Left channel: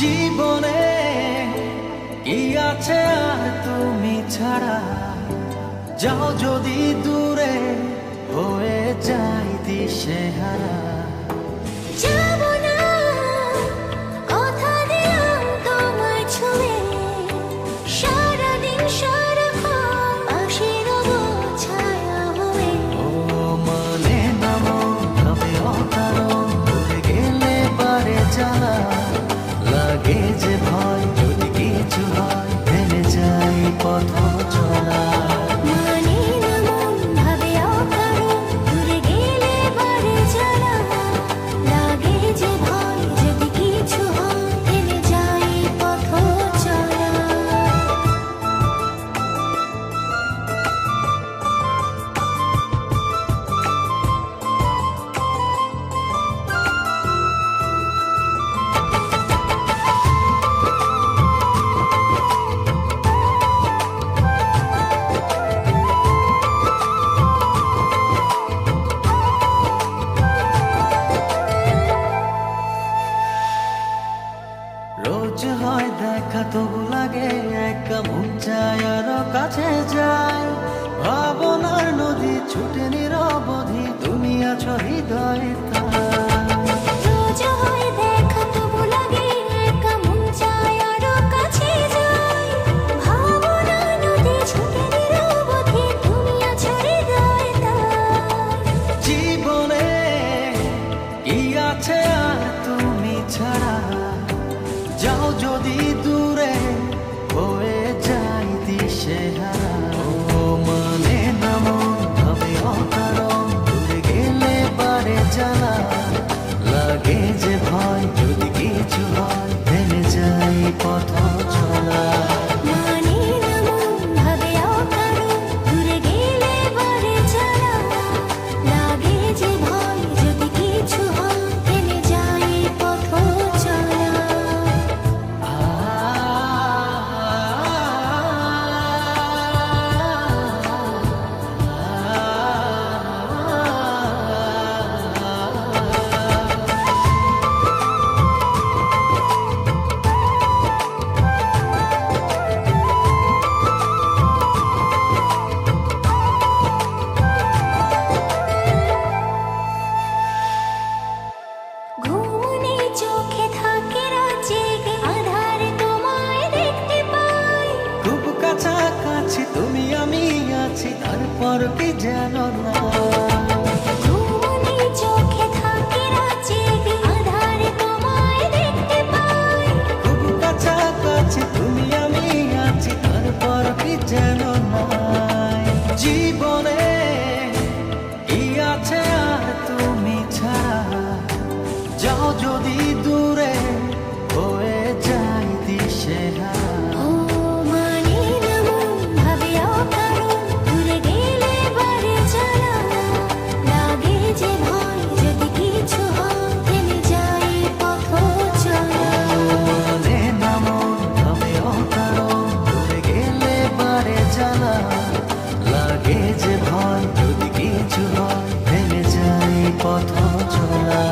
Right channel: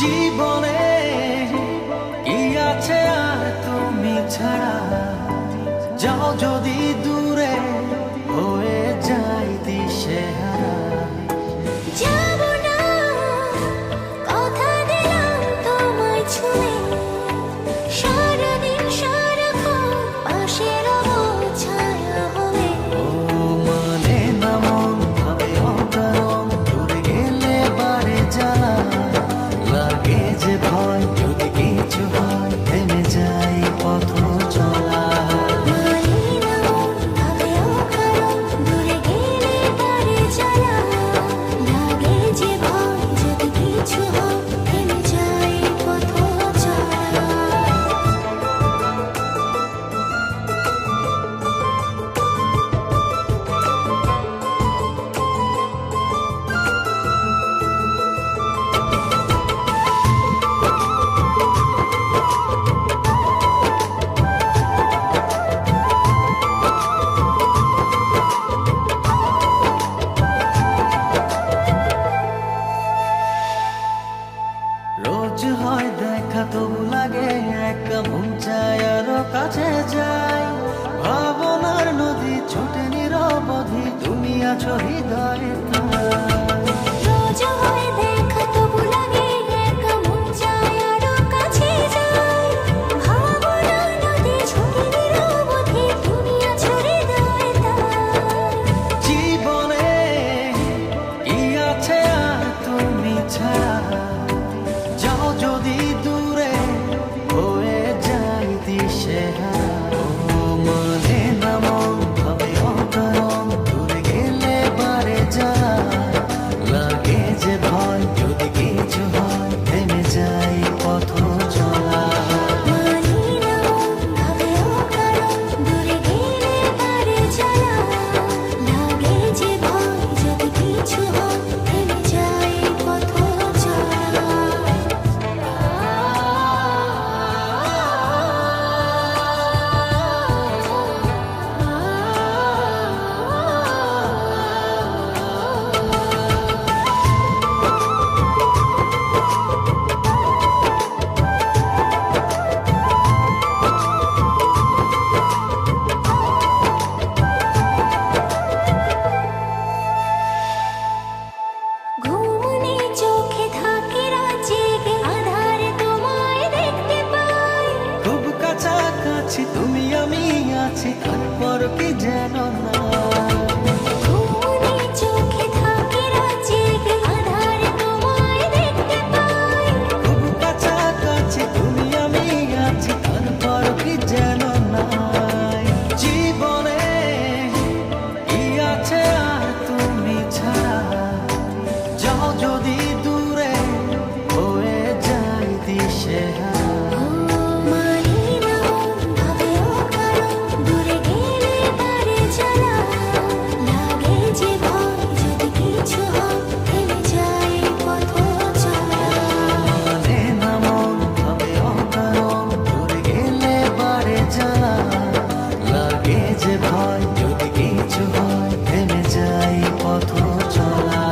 জীবনে কি আছে আর তুমি ছাড়া, যাও যদি দূরে হয়ে যাই দিশেহারা। ও মানে না মন ভাবে অকারণ, দূরে গেলে বারে জ্বালা লাগে যে ভয়, যদি কিছু হয় থেমে যাই পথ চলা। রোজ হয় দেখা তবু লাগে একা, মন চায় আরো কাছে যাই। ভাবনার নদী ছুটে নিরবধি, তুমি আছো হৃদয়ে তাই। রোজ হয় দেখা তবু লাগে একা, মন চায় আরো কাছে যাই। ভাবনার নদী ছুটে নিরবধি, তুমি আছো হৃদয়ে তাই। জীবনে কি আছে আর তুমি ছাড়া, যাও যদি দূরে হয়ে যাই দিশেহারা। ও মানে না মন ভাবে অকারণ, দূরে গেলে বারে জ্বালা লাগে যে ভয়, যদি কিছু হয় থেমে যাই পথ চলা। তুমি আমি আছি তারপর কি যেন না, ঘুমনে চোখে থাকে রাত জেগে, আধারে তোমায় দেখতে পাই। খুব কাছাকাছি তুমি আমি আছি তারপর কি যেন নাই। জীবনে কি আছে আর তুমি ছাড়া, যাও যদি দূরে হয়ে যাই দিশেহারা। লাগে যে ভয়, যদি কিছু হয় থেমে যাই পথ চলা।